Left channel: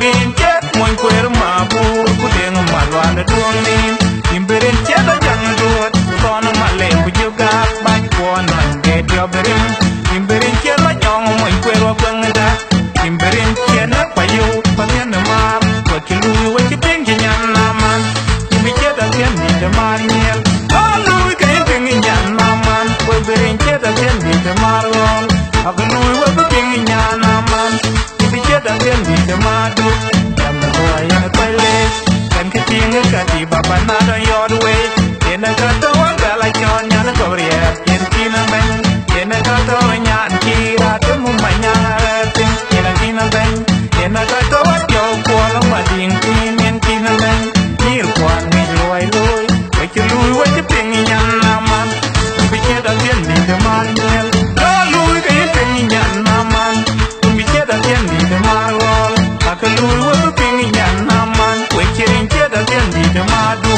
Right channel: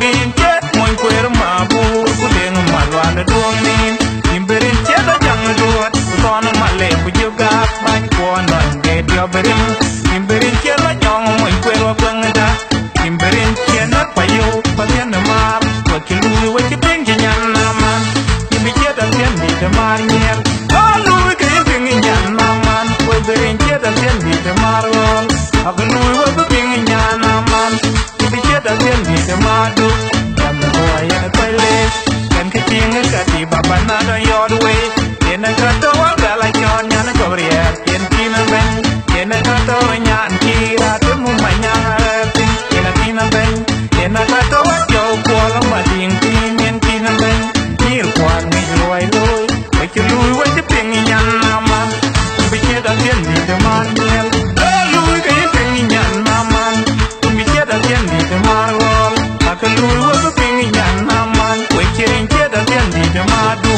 bin chết môi quê mà bu cu đen mà loạn để tuông nim im berin chết đã chẳng ruột con mà lệ của chưa gặp bánh qua nón ghé theo berim im berin chết mà nhong môi quê qua quăng đã im berin chết nát phải yêu phải biết nằm mà và khi lui với cái tiếng chỉ nhăn naman im bị chết đã thiên đi để mà nhiên lui cái tiếng nhăn naman với berin chết đã thiên đi để mà rồi aku lui với cái tiếng nhăn naman chết đã thiên đi để mà đúc làm được hoài anh quay lên kan cái tiếng cái đi bà bạn na đó yo đuôi yên anh cất đâu anh về lại cho nhà nó cầu riêng yên khi nó bên yên anh cất đâu nhà anh khi ra tới mua mày nhà tin yên anh khi nó bên yên anh cất đâu anh cho qua lắm mà điên tin yên khi nó bên nhiều quan người lôi lôi phải chịu lùi với cái tiếng nhăn nam man bị chết đã thiên đi để mà nhiên lùi cái tiếng nhăn nam man chết đã thiên đi để mà rồi, aku lui với cái tiếng nhàn nam man, quay trên chết đã thiên đi để mà đu.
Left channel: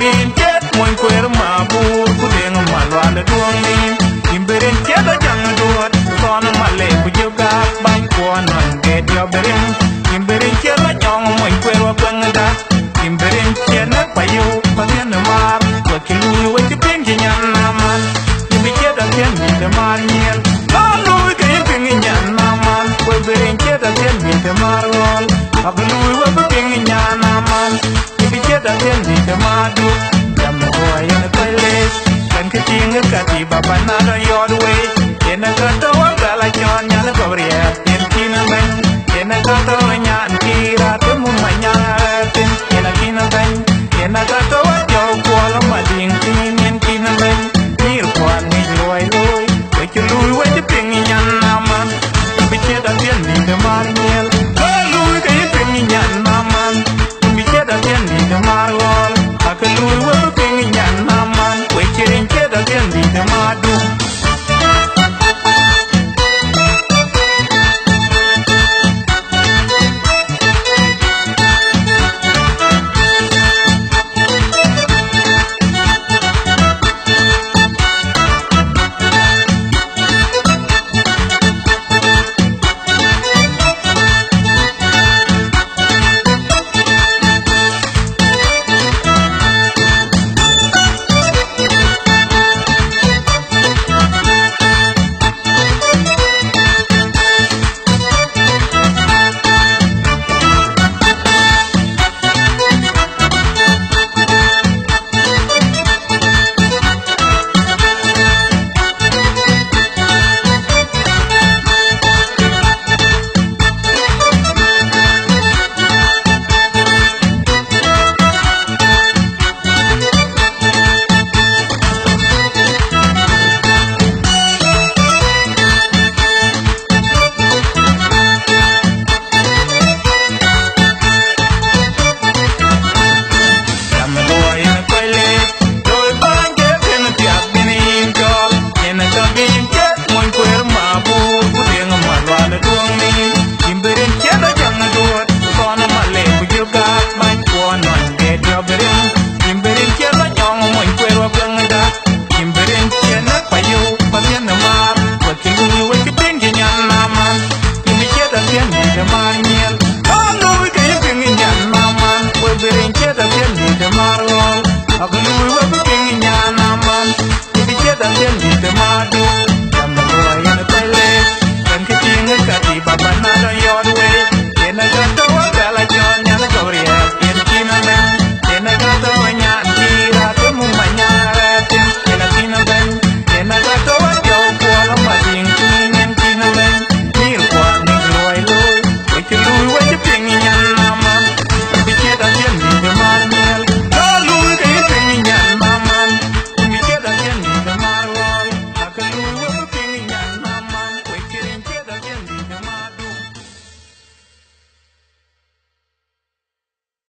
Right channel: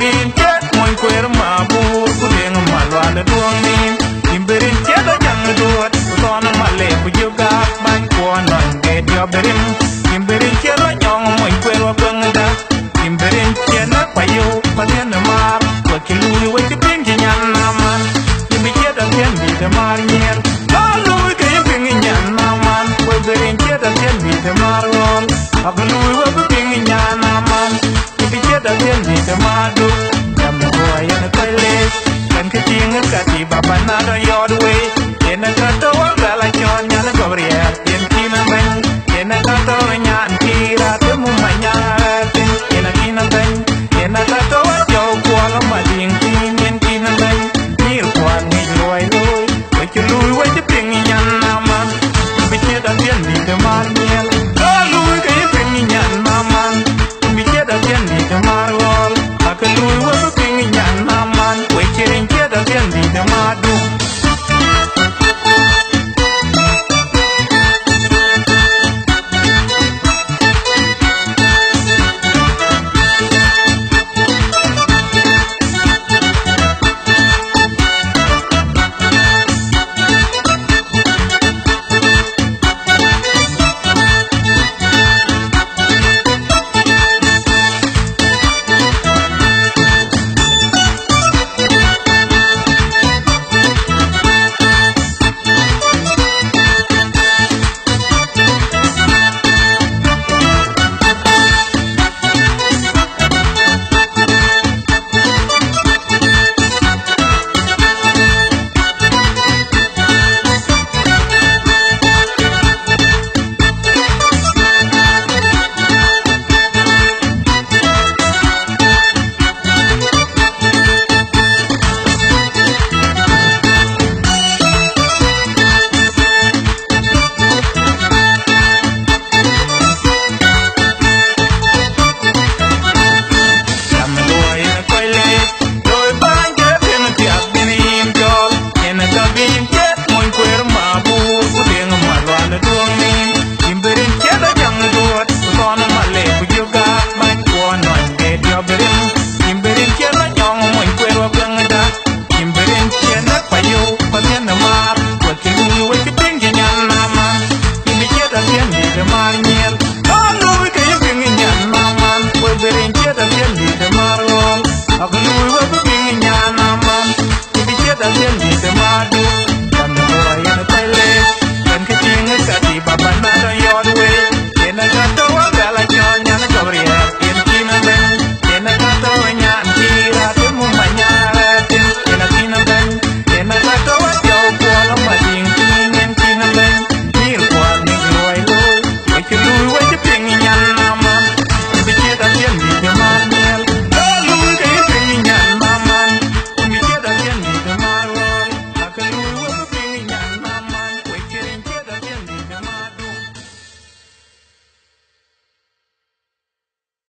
Bin chết môi quê mà bu cu đen mà loạn để tuông nim im berin chết đã chẳng ruột con mà lệ của chưa gặp bánh qua nón ghé theo berim im berin chết đã nhong môi quê qua quăng đã im berin chết nát phải yêu phải biết nằm mà và khi lui với cái tiếng chỉ nhăn naman im bị chết đã thiên đi để mà nhiên lui cái tiếng nhăn naman với berin chết đã thiên đi để mà rồi aku lui với cái tiếng nhăn naman bị chết đã thiên đi để mà đu làm được hoài anh quay lên kan cái tiếng cái đi bà bạn na đó yo đuôi yên anh cất đâu anh về lại cho nhà nó cầu riêng yên khi nó bên yên anh cất đâu nhà anh khi ra tới mua mày nhà tin yên anh khi nó bên yên anh cất đâu anh cho qua lắm mà điên tin yên khi nó bên nhiều quan người lôi lôi với chữ lui với cái tiếng nhăn naman bị chết đã thiên đi để mà nhiên lui cái tiếng nhăn naman bị chết đã thiên đi để mà rồi aku lui với cái tiếng nhăn naman quay trên chết đã thiên đi để mà đu. Hãy subscribe cho kênh Ghiền Mì Gõ để không bỏ lỡ những video hấp dẫn. pingi nyan naman we berin cheta tien di te marol aglui we pingi nyan naman di cheta tien di te madu tamna ko ayen pele kan ke tinga ka di baba na do yod we yen ka to wa la chon nyan ka bria yen kina men yen ka to nyan di ra te mu manya tin yen kina ben yen ka to wa yo ko la ma ding tin yen kina men nil kwa ni loi lo we che lui we che pingi nyan naman di cheta tien di te marol